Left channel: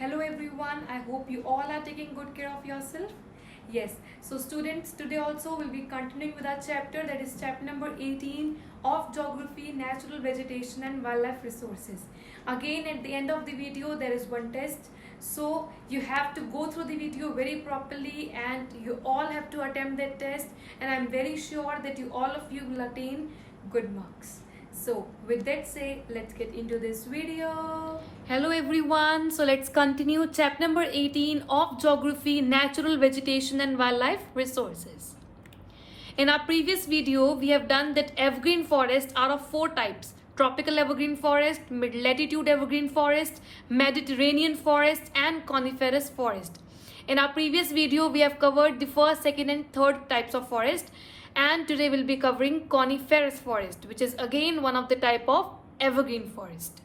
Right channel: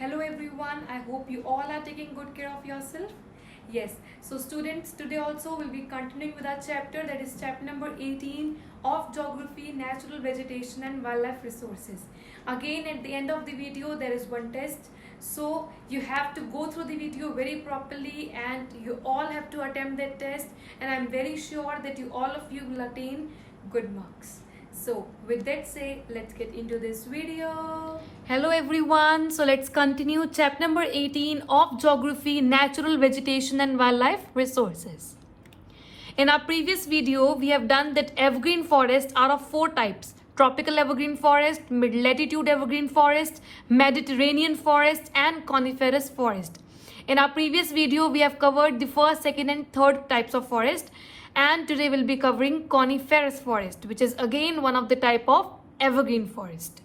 Hello everyone, I hope you all are taking good care of yourself. Yes, so students, today also we'll be continuing with our chapter, that is chapter number 18 of Geography, Natural Vegetation and Wildlife Resources. Again, at the end of the video there is one test, so you have to go through the video very properly and you all have to attempt that test, and I'm very sure that all of you will attain good marks. So with that say, let's get into this video. Hello everyone. So let's continue chapter number 18 of Geography, Natural Vegetation and Wildlife Resources. In our previous video, we have done that evergreen forests are of four types: tropical evergreen forest, mid-latitude evergreen forest, Mediterranean forest and coniferous forest. In our previous video, we have covered the first, second and third types of forest, and today we'll be covering coniferous forest, which is again one of the type of evergreen forest.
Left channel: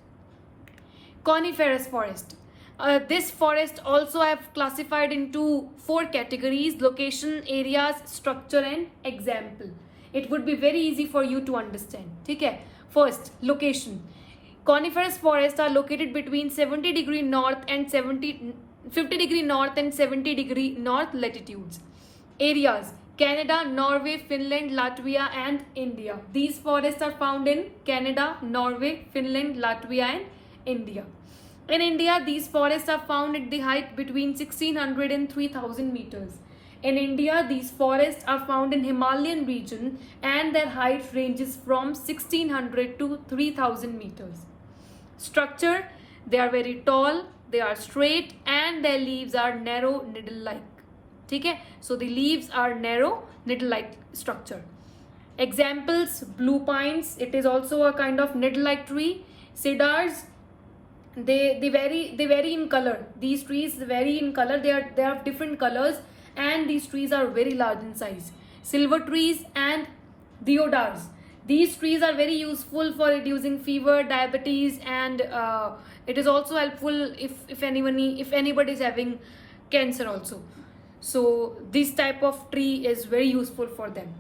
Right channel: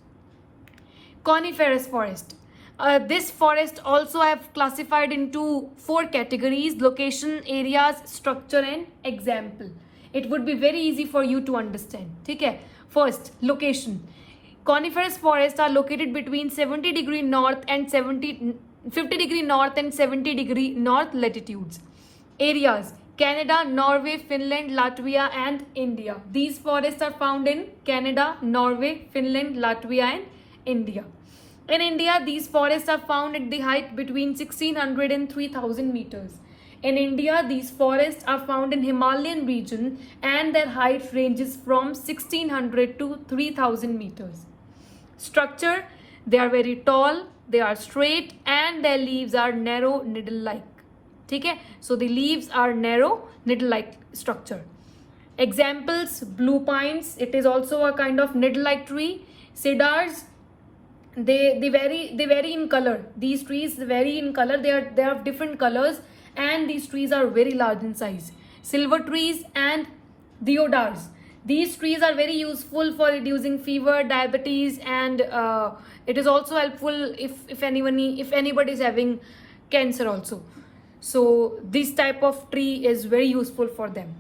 Coniferous forest. This forest also I have classified into four categories: location, areas, structure and example. It would be very easy for you to understand. Okay? First, location. Coniferous forests are located between 70° north and 50° north and 70° north latitudes. Areas: Canada, Norway, Finland, Latvia and India. These forests are found in Canada, Norway, Finland, Latvia and India. In India, these forests are found at the height between 1600 and 3000 meters. In India, these forests are found in Himalayan region and their height ranges from 1600 to 3000 meters. Structure: they are very tall, they are straight and their leaves are narrow needle-like. Okay? So the leaves are narrow needle-like structure. Examples: blue pines, it is also a kind of needle-like tree. Cedars, they vary in color. These trees vary in color. They have different colors and these trees are very large in size. Silver trees and deodars, these trees are very useful for reducing fever, diabetes, and it is also helpful if anybody is having cancer also. So this type of tree is very useful for them.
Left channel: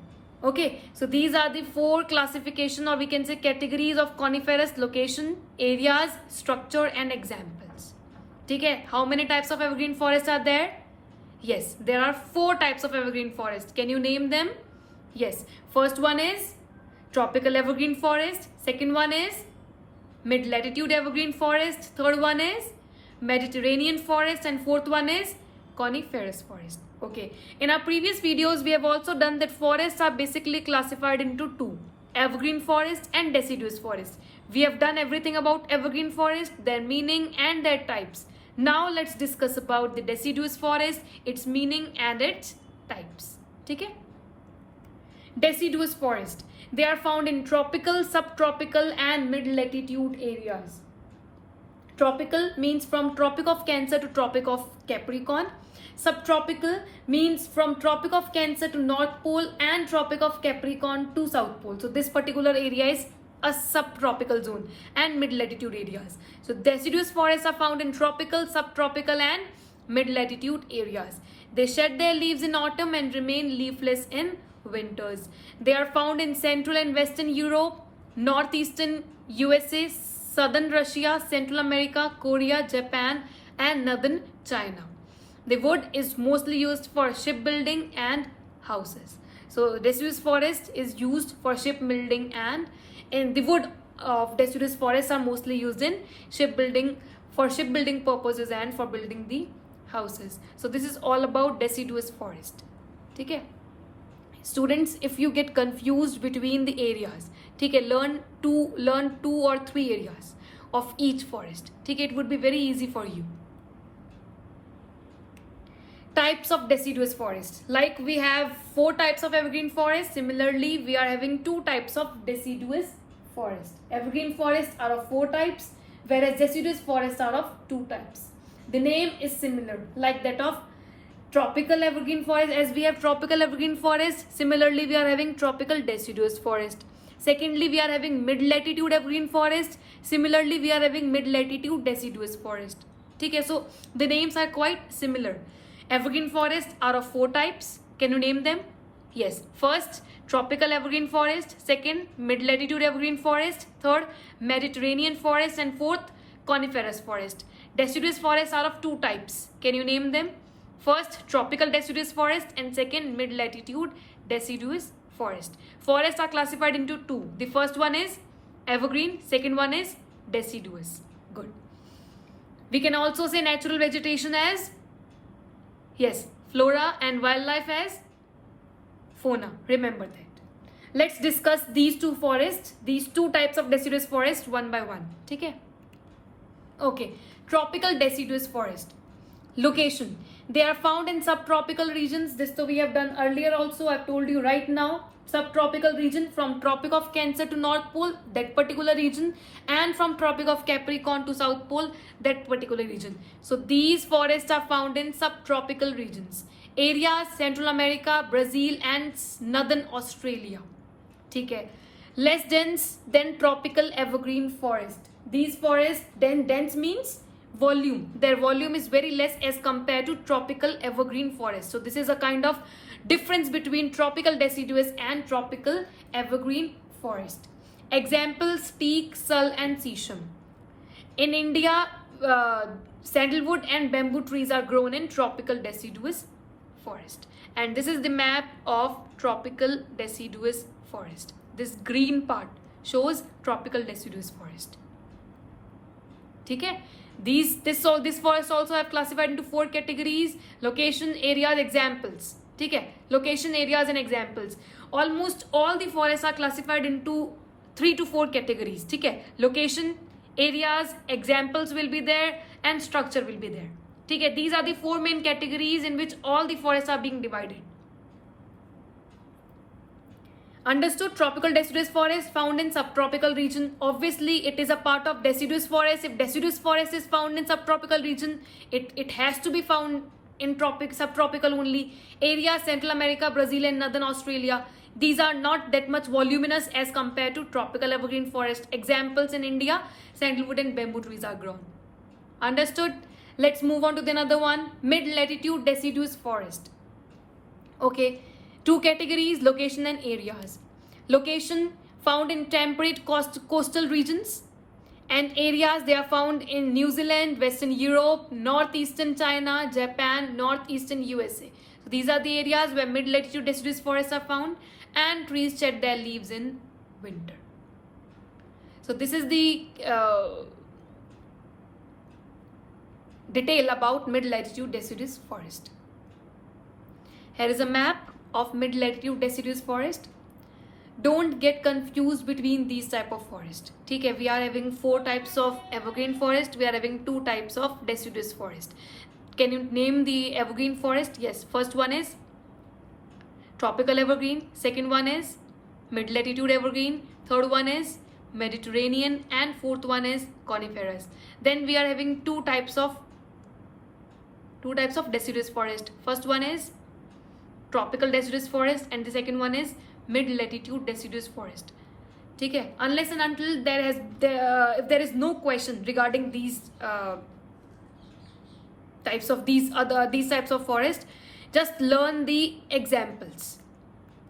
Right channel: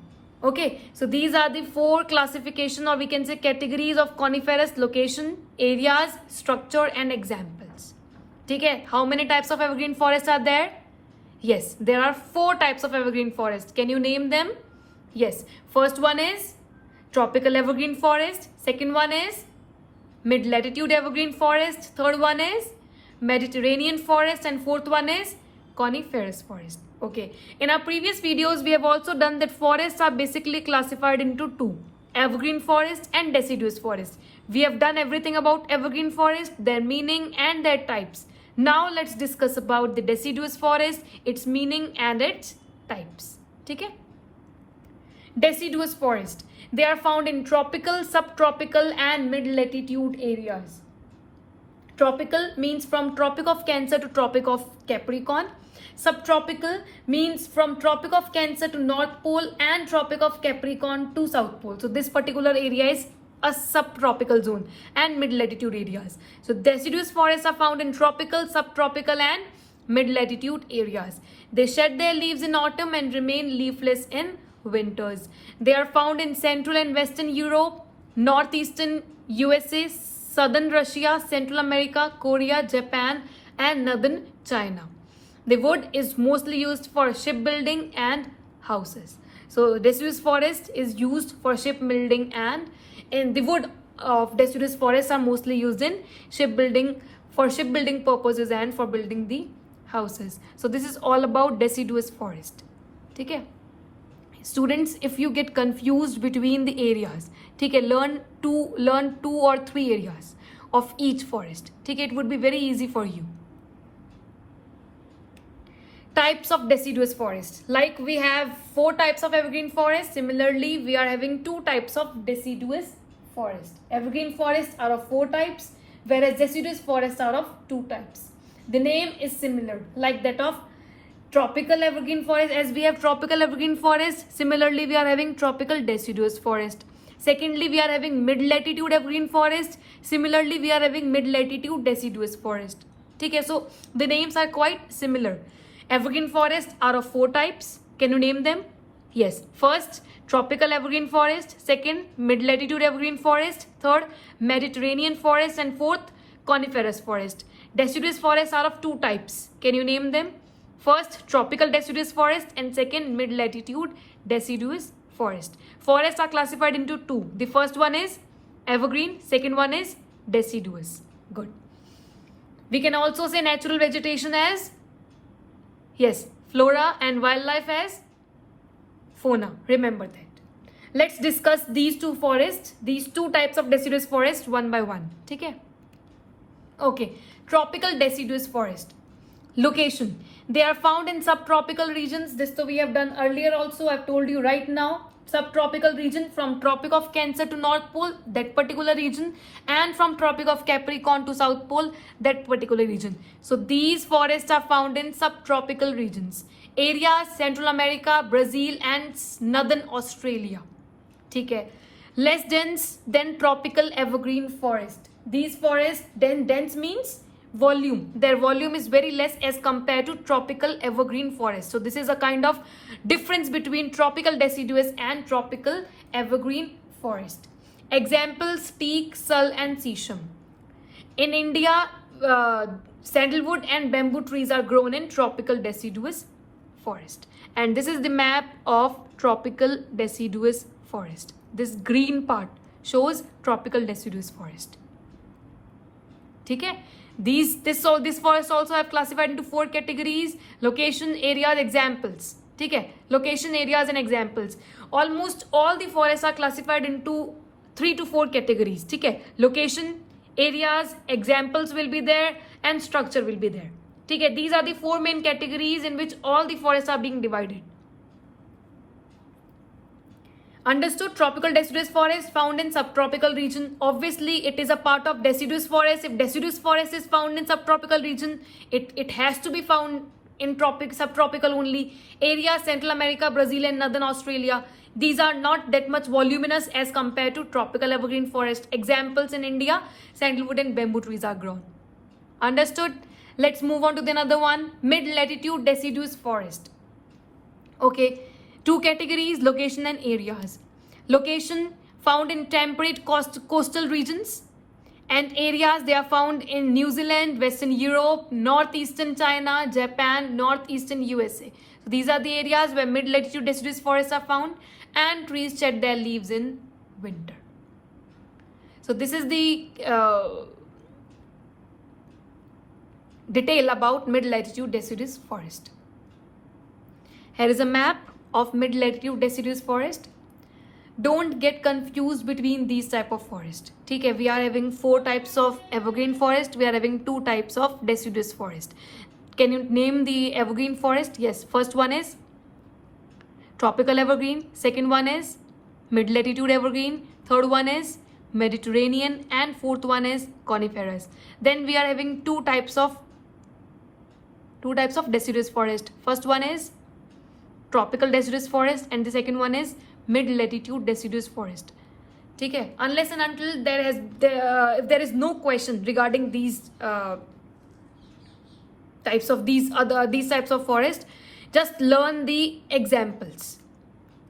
Okay, so these are the four classification, or we can say categories, of coniferous: location, areas, structure and examples. Okay, how many types of evergreen forests are there? Yes, there are four types of evergreen forest. Can you name them? Yes, first one is tropical evergreen forest, second one is mid-latitude evergreen forest, third one is Mediterranean forest and fourth one is coniferous forest. Okay, in our previous videos we have also done that forests are basically classified into two: evergreen forest and deciduous forest. We have done everything about evergreen forest, their meaning and their types. Now let's discuss about the deciduous forest, its meaning and its types. Okay? Deciduous forest. They are found in tropical, subtropical and mid-latitude areas. Tropical means from Tropic of Cancer to Tropic of Capricorn. Subtropical means from Tropic of Cancer to North Pole and Tropic of Capricorn to South Pole. So this particular area is a subtropical zone, and mid-latitude areas. So deciduous forests are found in tropical, subtropical and mid-latitude areas. They shed their leaves in autumn and remain leafless in winters. They are found in Central and Western Europe, Northeastern USA, Southern Russia, Central America, Korea, Japan and Northern China. The wood is mostly used for shipbuilding and houses. So deciduous forest is used for shipbuilding, and the wood of deciduous forests are mostly used in shipbuilding, for shipbuilding purposes and for building the houses. So this is all about deciduous forest. Okay? Students, if you get confused between the areas, okay, learn two or three areas of each forest. Okay, it would be very easy for you. Types of deciduous forests. Like we have four types of evergreen forest, similarly we are having two types of deciduous forest. Evergreen forests are of four types, whereas deciduous forests are of two types. The name is similar, like that of tropical evergreen forest. As we have tropical evergreen forest, similarly we are having tropical deciduous forest. Secondly, we are having mid-latitude evergreen forest. Similarly, we are having mid-latitude deciduous forest. Okay, so the names are quite similar. Evergreen forests are of four types. Can you name them? Yes. First, tropical evergreen forest. Second, mid-latitude evergreen forest. Third, Mediterranean forest. And fourth, coniferous forest. Deciduous forests are of two types. Can you name them? First, tropical deciduous forest, and second, mid-latitude deciduous forest. Forests are classified into two. The first one is evergreen, second one is deciduous. Good. We can also say natural vegetation as, yes, flora, and wildlife as fauna. Remember that. Let's discuss these two forests, these two types of deciduous forest one by one. Okay? Okay. Tropical deciduous forest. Location. They are found in subtropical regions. This we have done earlier also. I've told you right now. Subtropical region from Tropic of Cancer to North Pole, that particular region, and from Tropic of Capricorn to South Pole, that particular region. So these forests are found in subtropical regions. Areas Central America, Brazil, and Northern Australia. Okay. Less dense than tropical evergreen forest. These forests, then dense means volume. Their volume is very less as compared to tropical evergreen forest. So this is a kind of difference between tropical deciduous and tropical evergreen forest. Examples: teak, sal, and sisam. In India, sandalwood and bamboo trees are grown in tropical deciduous forest. And this is the map of tropical deciduous forest. This green part shows tropical deciduous forest. Okay? This forest also have classified into four categories: location, areas, examples. Okay? Location, areas, and examples. Almost all the forests are classified into 3 to 4 categories. Okay? Location, areas, examples will be there, and structure will be there. Okay? These are the 4 main categories in which all the forests are being divided. Understood? Tropical deciduous forest found in subtropical region. Obviously, it is a part of deciduous forest. If deciduous forest is found in subtropical region, it has to be found in subtropical only. Areas Central America, Brazil, and Northern Australia. These are not that much voluminous as compared to tropical evergreen forest. Examples in India, sandalwood and bamboo trees are grown. Understood? Let's move on to the another one. Mid-latitude deciduous forest. Okay. 2 categories: location and areas. Location found in temperate coastal regions, and areas they are found in New Zealand, Western Europe, northeastern China, Japan, northeastern USA. So these are the areas where mid-latitude deciduous forests are found, and trees shed their leaves in winter. So this is the detail about mid-latitude deciduous forest. Here is a map of mid-latitude deciduous forest. Don't get confused between these type of forest. Okay, we are having 4 types of evergreen forest. We are having 2 types of deciduous forest. Can you name the evergreen forest? Yes. First one is tropical evergreen. Second one is mid-latitude evergreen. Third one is Mediterranean, and fourth one is coniferous. Then we are having 2 types of deciduous forest. First one is tropical deciduous forest, and the second one is mid-latitude deciduous forest. Okay, unless and until there is no question regarding these types of forest, just learn the examples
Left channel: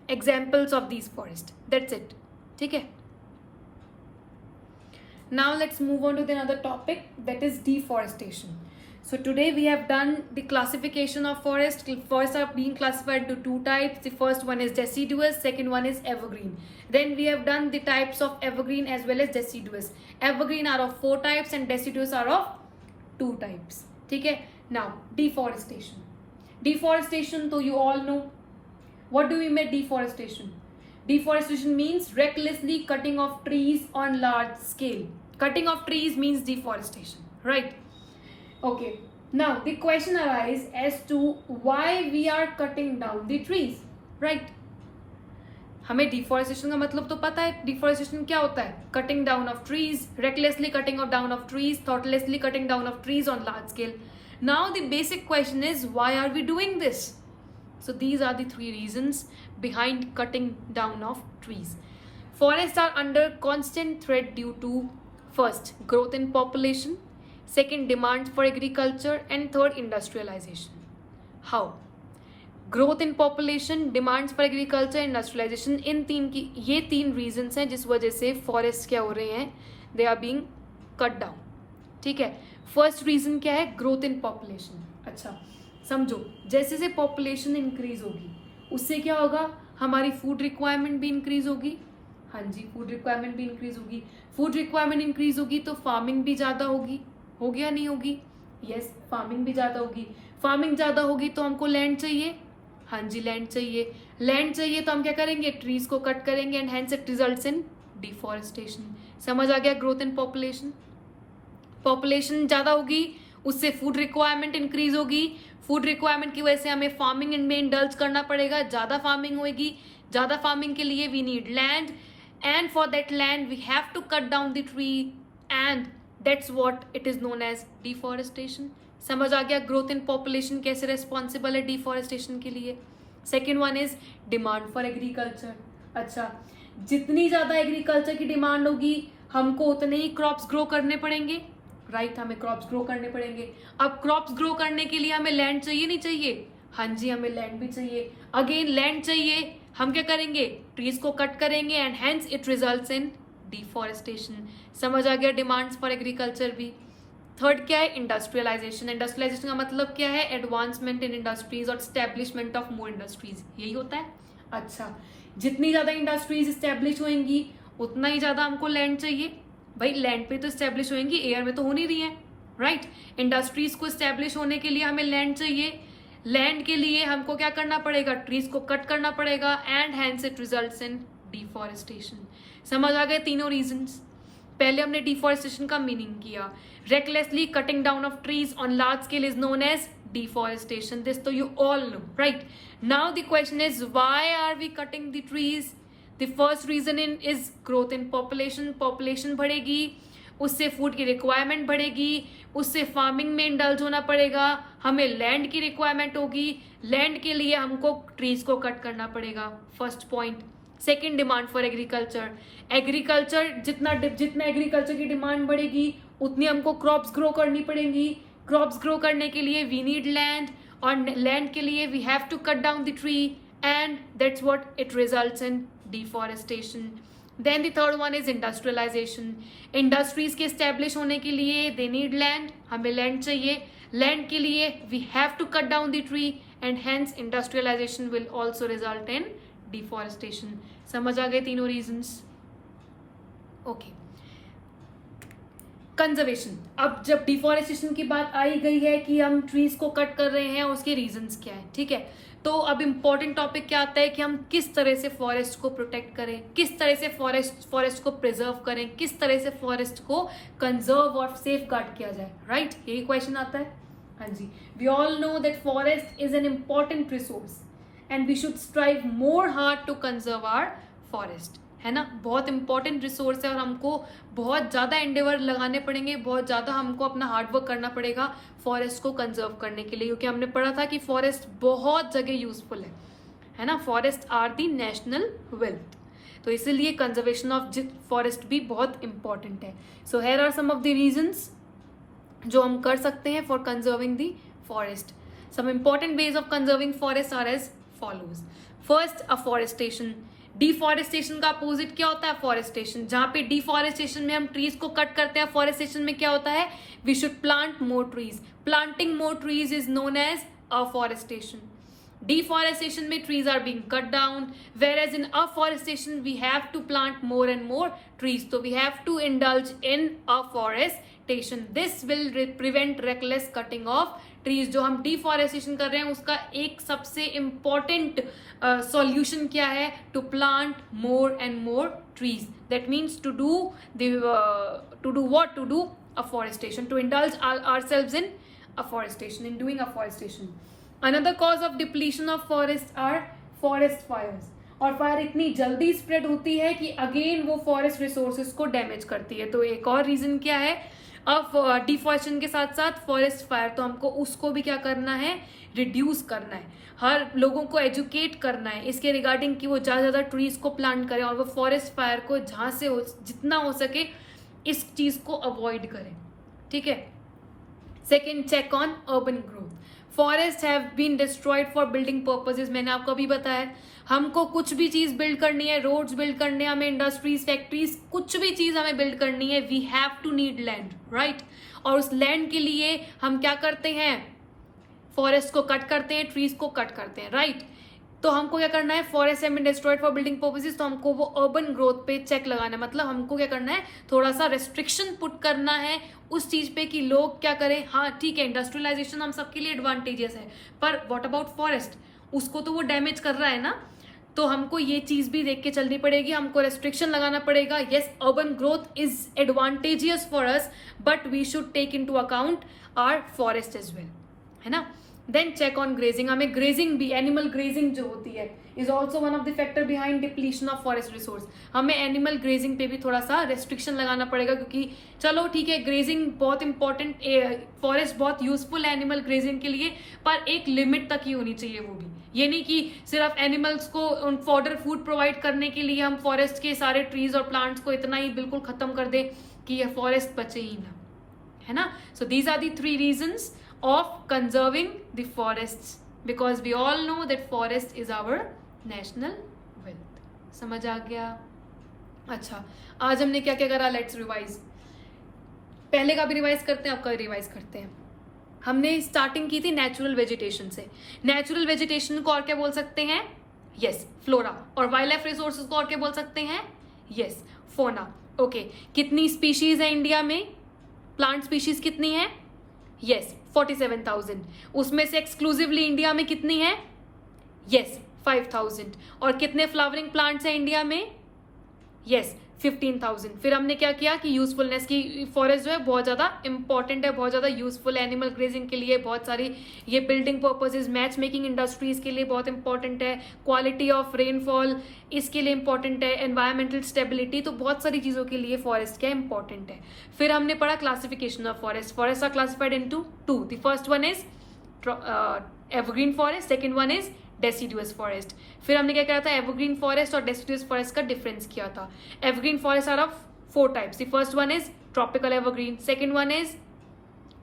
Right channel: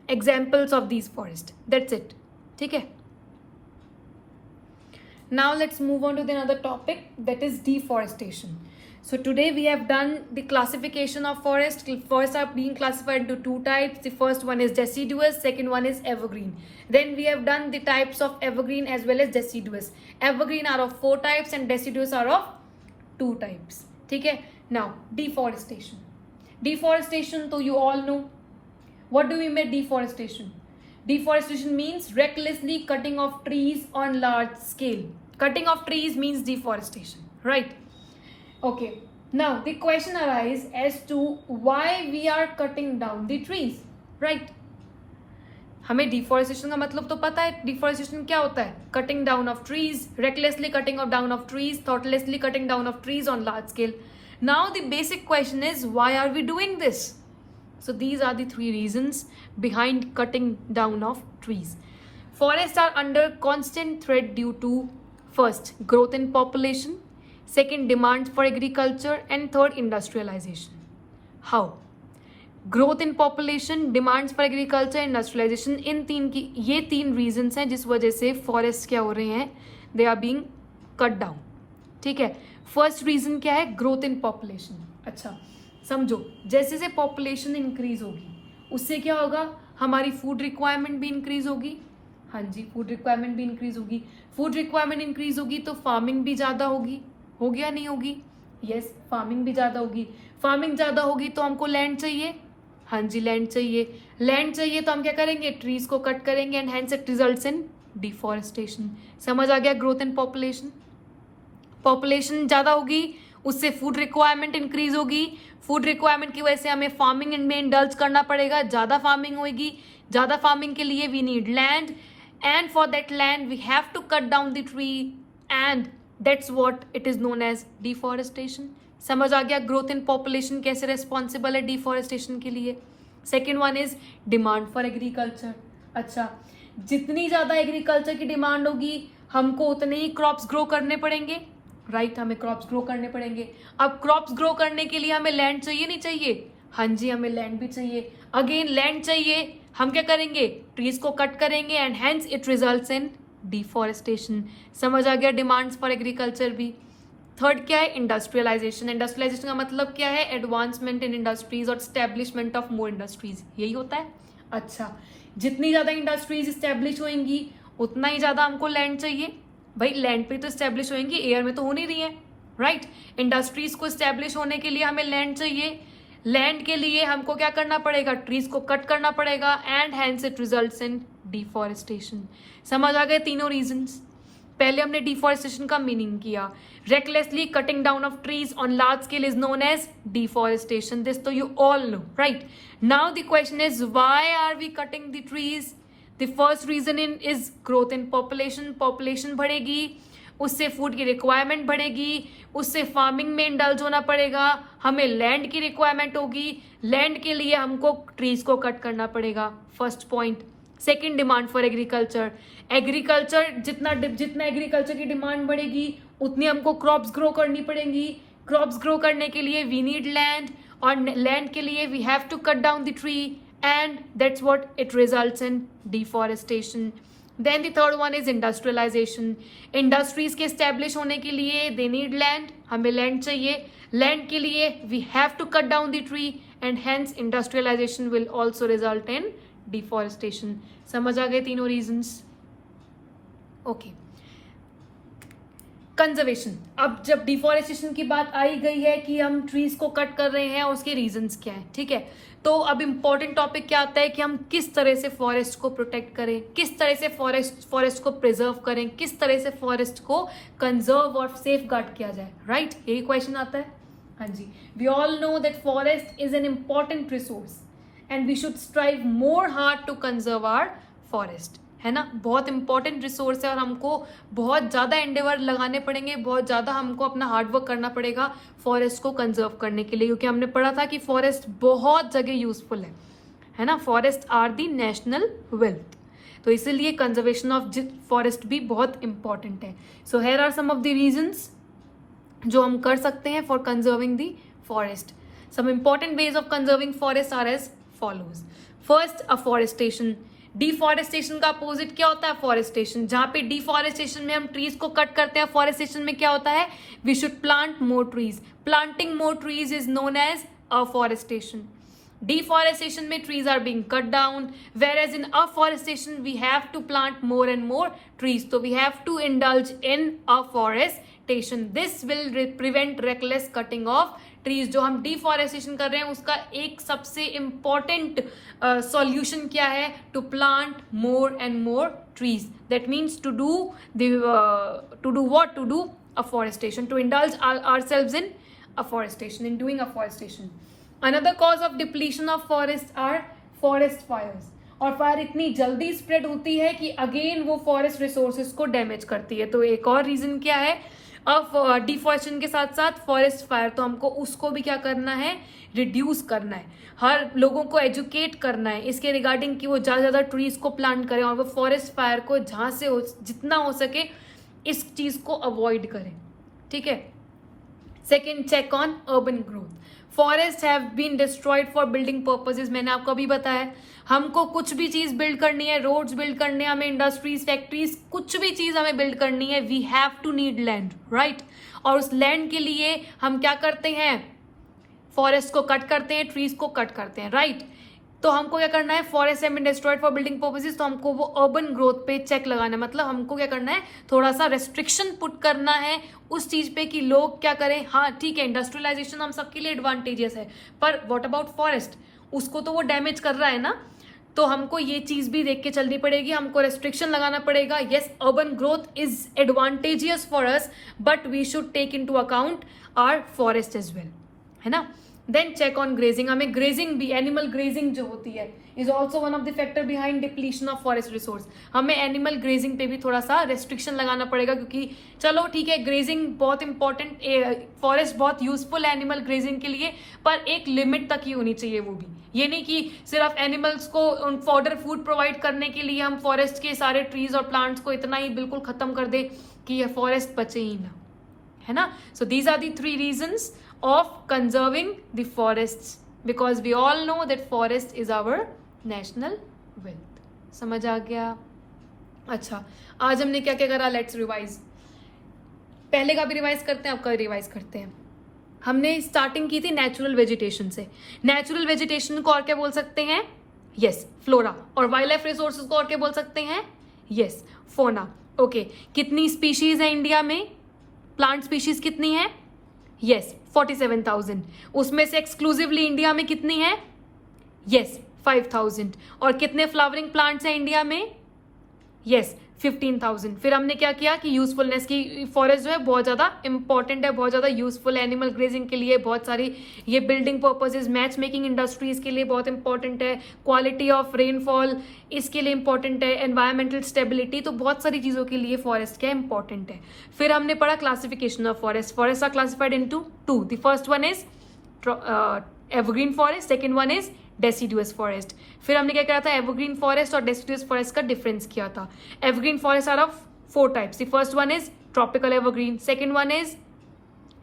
of these forests. That's it. Okay. Now let's move on to the another topic, that is deforestation. So today we have done the classification of forest. Forests are being classified into 2 types. The first one is deciduous, second one is evergreen. Then we have done the types of evergreen as well as deciduous. Evergreen are of 4 types and deciduous are of 2 types. Okay? Now, deforestation. Deforestation, so you all know. What do we mean by deforestation? Deforestation means recklessly cutting off trees on large scale. Cutting off trees means deforestation, right? Okay, now the question arises as to why we are cutting down the trees, right? हमें deforestation का मतलब तो पता है. Deforestation क्या होता है? Cutting down of trees, recklessly cutting down of trees, thoughtlessly cutting down of trees on large scale. Now the basic question is, why are we doing this? So these are the 3 reasons behind cutting down of trees. Forests are under constant threat due to, first, growth in population, second, demands for agriculture, and third, industrialization. How? Growth in population, demands for agriculture, industrialization, ये 3 reasons हैं जिस वजह से forests क्या हो रहे हैं, they are being cut down. ठीक है? फर्स्ट रीजन क्या है? Growth in population. अच्छा समझो, जैसे जैसे पॉपुलेशन इंक्रीज होगी उससे क्या होगा? हमारी फूड रिक्वायरमेंट भी इंक्रीज होगी. हाँ जी, फूड रिक्वायरमेंट भी इंक्रीज होगी. फूड रिक्वायरमेंट इंक्रीज होगी तो फार्मिंग भी ज्यादा होगी. होगी या नहीं होगी? यस, फार्मिंग भी ज्यादा होगी. फार्मिंग ज्यादा होगी तो हमको लैंड चाहिए. हाँ जी, लैंड चाहिए. लैंड चाहिए तो हम क्या करेंगे? ट्रीज को कट करेंगे and hence it results in deforestation. समझ आ गया? Growth in population. पॉपुलेशन ज्यादा होगी उससे फूड रिक्वायरमेंट इंक्रीज होगी. फूड रिक्वायरमेंट की वजह से हमें फार्मिंग में इंडल्ज करना पड़ेगा. ज्यादा फार्मिंग होगी. ज्यादा फार्मिंग के लिए we need land, and for that land we have to cut down the tree, and that's what it is known as deforestation. समझ आ गया? ग्रोथ इन पॉपुलेशन कैसे रिस्पॉन्सिबल है डिफॉरेस्टेशन के लिए. Second one is demand for agriculture. अच्छा, जितनी ज्यादा एग्रीकल्चर की डिमांड होगी हमको उतने ही क्रॉप्स ग्रो करने पड़ेंगे. राइट, हमें क्रॉप्स ग्रो करने पड़ेंगे. अब क्रॉप्स ग्रो करने के लिए हमें लैंड चाहिए नहीं चाहिए? हाँ जी, हमें लैंड भी चाहिए. अगेन लैंड चाहिए, हम क्या करेंगे? ट्रीज को कट करेंगे and hence it results in deforestation. समझ आ गया? डिमांड्स फॉर एग्रीकल्चर भी. थर्ड क्या है? इंडस्ट्रियलाइजेशन. इंडस्ट्रियलाइजेशन का मतलब क्या है? एडवांसमेंट इन इंडस्ट्रीज और स्टैब्लिशमेंट ऑफ मोर इंडस्ट्रीज. यही होता है. अच्छा, जितनी ज्यादा इंडस्ट्रीज स्टैब्लिश होंगी उतना ही ज्यादा हमको लैंड चाहिए. भाई लैंड पे तो स्टैब्लिश होंगी, एयर में तो हो नहीं रही है. राइट, इंडस्ट्रीज को स्टैब्लिश होने के लिए हमें लैंड चाहिए. लैंड के लिए हमको क्या करना पड़ेगा? ट्रीज को कट करना पड़ेगा and hence it results in deforestation. समझ आ गए तीनों रीजंस. पहले हमने डिफॉरेस्टेशन का मीनिंग किया. Recklessly cutting down of trees on large scale is known as deforestation. This तो you all know. Right, now the question is why are we cutting the trees? The first reason is growth in population. Population बढ़ेगी उससे food की requirement बढ़ेगी, उससे farming में indulge होना पड़ेगा. हमें लैंड की रिक्वायरमेंट होगी. लैंड के लिए हमको ट्रीज को कट करना पड़ेगा. First point. Second, demand for agriculture. Agriculture जितना एग्रीकल्चर की डिमांड बढ़ेगी उतनी हमको क्रॉप्स ग्रो करनी पड़ेंगी. क्रॉप्स ग्रो करने के लिए वी नीड लैंड, और लैंड के लिए we have to cut down the tree, and that's what it results in deforestation. Then the third one is industrialization. Industries के establish होने के लिए they need land. हमें land चाहिए. Land के लिए we have to cut down the tree, and hence industrialization will also result in deforestation. समझ आ गए तीनों reasons? Okay. कंजर्वेशन. अब जब डिफॉरेस्टेशन की बात आई गई है कि हम ट्रीज को कट कर रहे हैं, उसके रीजंस क्या है, ठीक है. तो अब इम्पोर्टेंट टॉपिक क्या आता है कि हम किस तरह से फॉरेस्ट को प्रोटेक्ट करें, किस तरह से फॉरेस्ट को प्रिजर्व करें, किस तरह से फॉरेस्ट को कंजर्व और सेफ गार्ड किया जाए. राइट, यही क्वेश्चन आता है. हाँ जी, we all know that forest is an important resource and we should strive more hard to conserve our forest. है ना, बहुत इंपॉर्टेंट रिसोर्स है और हमको बहुत ज्यादा एंडेवर लगाने पड़ेंगे, बहुत ज्यादा हमको अपना हार्डवर्क करना पड़ेगा फॉरेस्ट को कंजर्व करने के लिए, क्योंकि हमने पढ़ा था कि फॉरेस्ट बहुत जगह यूजफुल है ना. Forest are the national wealth, तो इसीलिए कंजर्वेशन ऑफ फॉरेस्ट भी बहुत इंपॉर्टेंट है. So here are some of the reasons जो हम कर सकते हैं for conserving the forest. Some important ways of conserving forest are as follows. First, afforestation. Deforestation का अपोजिट क्या होता है? फॉरेस्टेशन. जहां पे डिफॉरेस्टेशन में हम ट्रीज को कट करते हैं, फॉरेस्टेशन में क्या होता है? We should plant more trees. Planting more trees is known as afforestation. Deforestation में trees are being cut down, whereas in afforestation we have to plant more and more trees. So we have to indulge in afforestation. This will prevent reckless cutting of trees. जो हम deforestation कर रहे हैं उसका एक सबसे important solution क्या है? To plant more and more trees. That means to do what? To do afforestation. To indulge ourselves in afforestation, in doing afforestation. Another cause of depletion of forest are forest fires. और fire इतनी जल्दी spread होती है कि again वो forest resources को damage करती है. तो एक और रीजन क्या है? अब डिफॉरेस्टेशन के साथ साथ फॉरेस्ट फायर, तो हमको उसको भी क्या करना है? रिड्यूस करना है. हर लोगों को एजुकेट करना है इसके रिगार्डिंग कि वो ज्यादा ज्यादा ट्रीज को प्लांट करें और वो फॉरेस्ट फायर को जहां से जितना हो सके इस चीज को अवॉइड करें. ठीक है. Second, check on urban growth. Forest have been destroyed for building purposes, मैंने आपको अभी बताया। हमको कुछ भी चीज बिल्ड करनी है, रोड्स बिल्ड करने हैं हमें, इंडस्ट्रीज, फैक्ट्रीज, कुछ भी चीज हमें बिल्ड करनी है, we have to need land, right. और उस लैंड के लिए हम क्या करते हैं, फॉरेस्ट को कट करते हैं, ट्रीज को कट करते हैं, राइट। तो हमको क्या करना है, forest have been destroyed for building purposes, तो हमको वो अर्बन ग्रोथ पे चेक लगाना है। मतलब हमको क्या करना है, थोड़ा सा रेस्ट्रिक्शन पुट करना है उस चीज पे कि लोग क्या करें। हाँ ठीक है, इंडस्ट्रियलाइजेशन हम सबके लिए एडवांटेजेस है, पर व्हाट अबाउट फॉरेस्ट, उसको तो वो डैमेज कर रहा है ना। तो हमको ये चीज भी देख के चलनी पड़ेगी, हमको रेस्ट्रिक्शन लगाना पड़ेगा। Yes, urban growth is advantageous for us, but we should take in to account our forest as well, है ना। देन चेक ऑन ग्रेजिंग, हमें ग्रेजिंग भी, एनिमल ग्रेजिंग जो होती है is also one of the factor behind depletion of forest resource. हमें animal grazing पे भी थोड़ा सा रेस्ट्रिक्शन लगाना पड़ेगा, क्योंकि चलो ठीक है ग्रेजिंग बहुत इंपॉर्टेंट, फॉरेस्ट बहुत यूजफुल है एनिमल ग्रेजिंग के लिए, पर एक लिमिट तक ही होनी चाहिए वो भी। ये नहीं कि सिर्फ एनिमल्स को फॉडर फूड प्रोवाइड करने के लिए हम फॉरेस्ट के सारे ट्रीज और प्लांट्स को इतना ही बिल्कुल खत्म कर दें कि ये फॉरेस्ट बचे ही ना, है ना। So these are the 3 reasons of conserving the forests, because we all know that forest is our national wealth. समझ आ गया। अच्छा, आज हमने क्या क्या करा, लेट्स रिवाइज। पहले का भी रिवाइज करते हैं, आपका रिवाइज करते हैं। हमने स्टार्टिंग की थी नेचुरल वेजिटेशन से। नेचुरल वेजिटेशन को और क्या बोल सकते हैं, यस फ्लोरा, और वाइल्ड लाइफ रिसोर्सेज को और क्या बोल सकते हैं, यस फोना। ओके, कितनी स्पीशीज है इंडिया में, प्लांट स्पीशीज कितनी है, यस 47,000। उसमें से एक्सक्लूसिवली इंडिया में कितनी है, यस 5,000। और कितने फ्लावरिंग प्लांट्स हैं इंडिया में, यस 15,000। फिर हमने क्या किया कि यूजफुलनेस की, फॉरेस्ट जो है बहुत ज्यादा इंपॉर्टेंट है, बहुत ज्यादा यूजफुल है एनिमल ग्रेजिंग के लिए, बहुत सारी ये building purposes, match making industries के लिए बहुत इंपॉर्टेंट है, क्वालिटी ऑफ रेनफॉल इसके लिए इंपॉर्टेंट है, एनवायरमेंटल स्टेबिलिटी, तो बहुत सारी चीजों के लिए फॉरेस्ट क्या इंपॉर्टेंट है। फिर हमने पढ़ा classification of forest. Forest are classified into 2, the first one is evergreen forest, second one is deciduous forest. फिर हमने क्या किया था, एवरग्रीन फॉरेस्ट और डेसिडुअस फॉरेस्ट का डिफरेंस किया था। Evergreen forest are of 4 types, the first one is tropical evergreen, second one is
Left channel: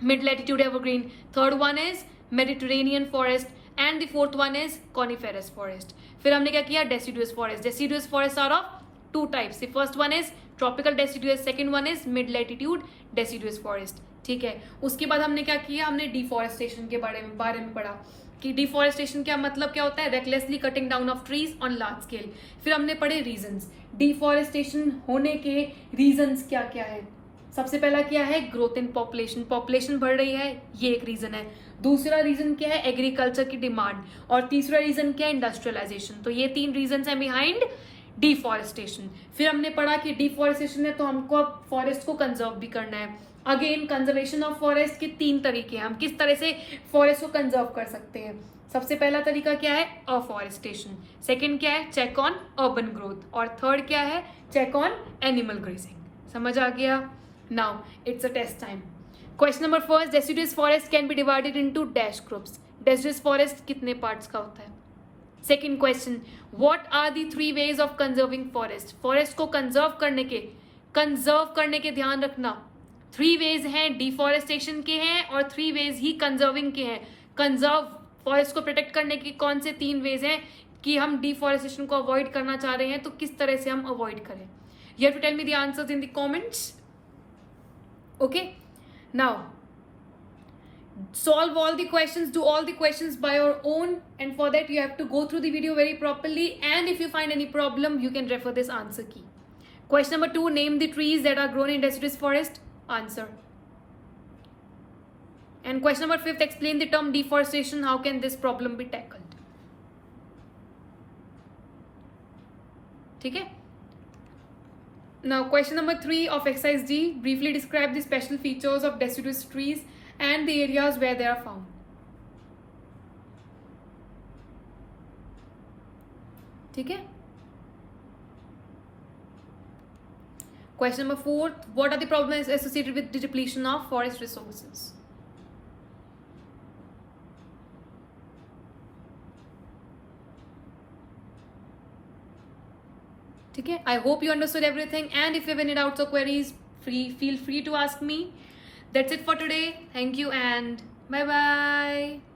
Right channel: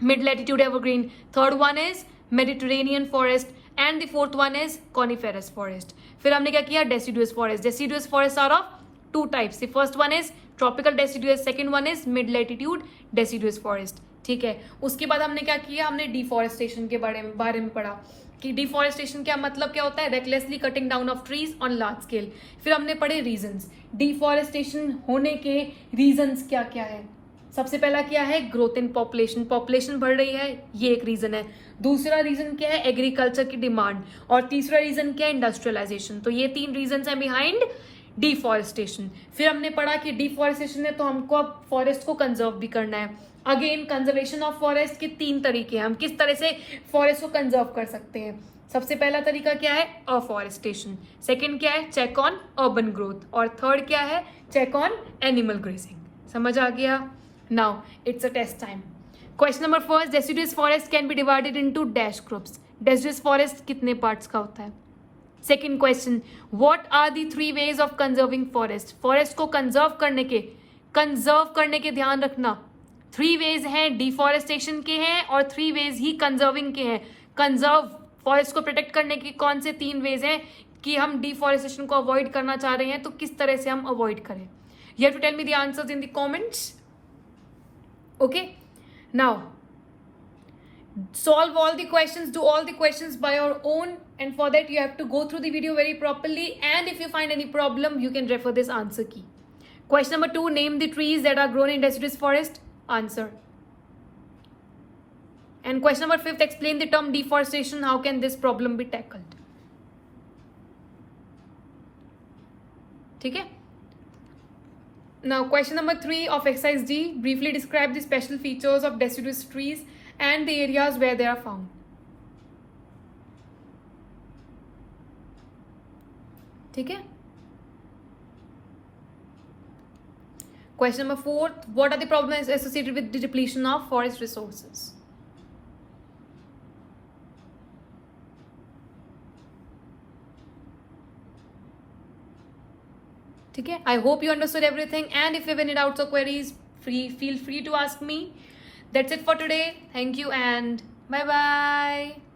mid latitude evergreen, third one is Mediterranean forest, and the fourth one is coniferous forest. फिर हमने क्या किया, deciduous forest. Deciduous forest are of 2 types, the first one is tropical deciduous, second one is mid latitude deciduous forest, ठीक है। उसके बाद हमने क्या किया, हमने डिफॉरेस्टेशन के बारे में पढ़ा कि डिफॉरेस्टेशन क्या मतलब क्या होता है, recklessly cutting down of trees on large scale. फिर हमने पढ़े रीजंस, डिफॉरेस्टेशन होने के रीजंस क्या क्या है। सबसे पहला क्या है, ग्रोथ इन पॉपुलेशन, पॉपुलेशन बढ़ रही है, ये एक रीजन है। दूसरा रीजन क्या है, एग्रीकल्चर की डिमांड, और तीसरा रीजन क्या है, इंडस्ट्रियलाइजेशन। तो ये 3 रीजन है बिहाइंड डिफॉरेस्टेशन। फिर हमने पढ़ा कि डिफॉरेस्टेशन है तो हमको अब फॉरेस्ट को कंजर्व भी करना है। अगेन कंजर्वेशन ऑफ फॉरेस्ट के 3 तरीके हैं, हम किस तरह से फॉरेस्ट को कंजर्व कर सकते हैं। सबसे पहला तरीका क्या है, अफॉरेस्टेशन, सेकंड क्या है, चेक ऑन अर्बन ग्रोथ, और थर्ड क्या है, चेक ऑन एनिमल ग्रेजिंग। समझ आ गया। Now it's a test time. Question number first, deciduous forest can be divided into dash groups. Deciduous forest कितने पार्ट्स का होता है। Second question, what are the 3 ways of conserving forest. Forest को conserve करने के ध्यान रखना 3 वेज हैं, डिफॉरेस्टेशन के हैं और 3 वेज ही कंजर्विंग के हैं। कंजर्व फॉरेस्ट को प्रोटेक्ट करने के कौन से 3 वेज हैं कि हम डिफॉरेस्टेशन को अवॉइड करना चाह रहे हैं, तो किस तरह से हम अवॉइड करें। You have to tell me the answers in the comments. Okay, now solve all the questions, do all the questions by your own, and for that you have to go through the video very properly, and if you find any problem you can refer this answer key. Question number 2, name the trees that are grown in deciduous forest. Answer. And question number 5, explain the term deforestation, how can this problem be tackled. ठीक है। Now question number 3 of exercise D, briefly describe the special features of deciduous trees and the areas where they are found. ठीक है। Question number 4, what are the problems associated with the depletion of forest resources? ठीक है। I hope you understood everything, and if you have any doubts or queries, feel free to ask me. That's it for today. Thank you and bye bye.